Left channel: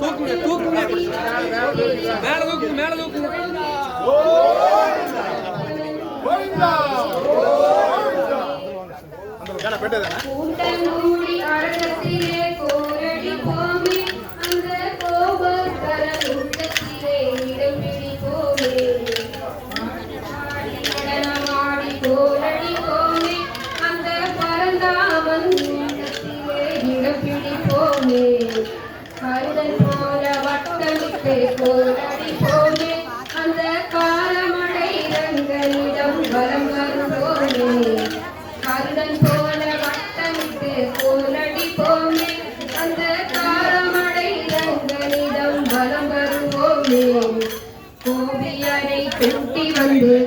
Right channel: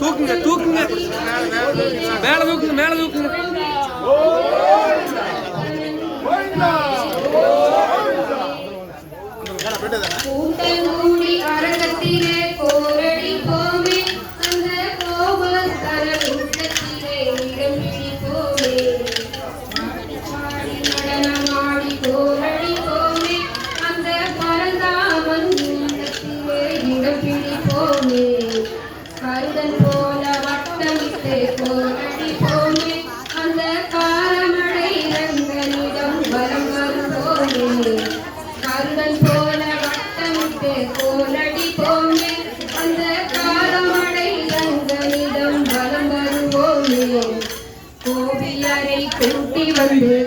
தூக்குங்க தூக்குங்க மேல தூக்குங்க மேல தூக்குங்க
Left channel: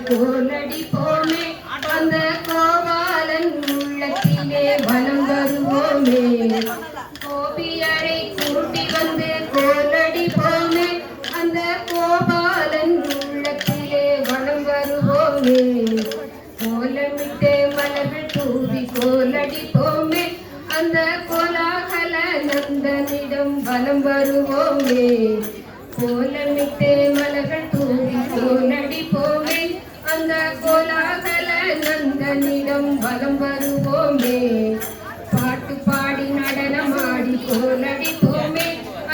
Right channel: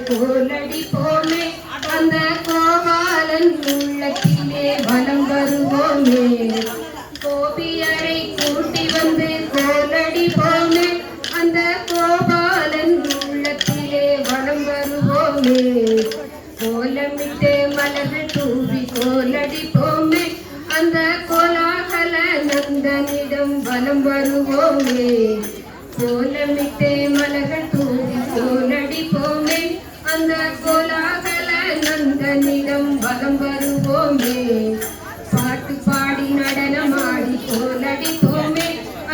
கோலடி போமே அந்த கோபாலன் உள்ளத்திலே வலம் வருவோமே கோபியரை கூட்டி வந்து கோலடி போமே அந்த கோபாலன் உள்ளத்திலே வலம் வருவோமே கோலமிட்டு மலர்கள் தூவி கோலடி போமே அந்த கோலாகல நந்தனிடம் வலம் வருவோமே கோலமிட்டு மலர்கள் தூவி கோலடி போமே அந்த கோலாகல நந்தனிடம் வலம் வருவோமே பாட்டு பாடி நடனமாடி கோலடி போமே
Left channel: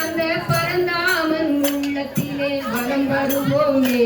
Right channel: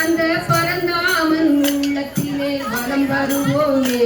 அந்த பரந்தாமன் உள்ளத்திலே வலம் வருவோமே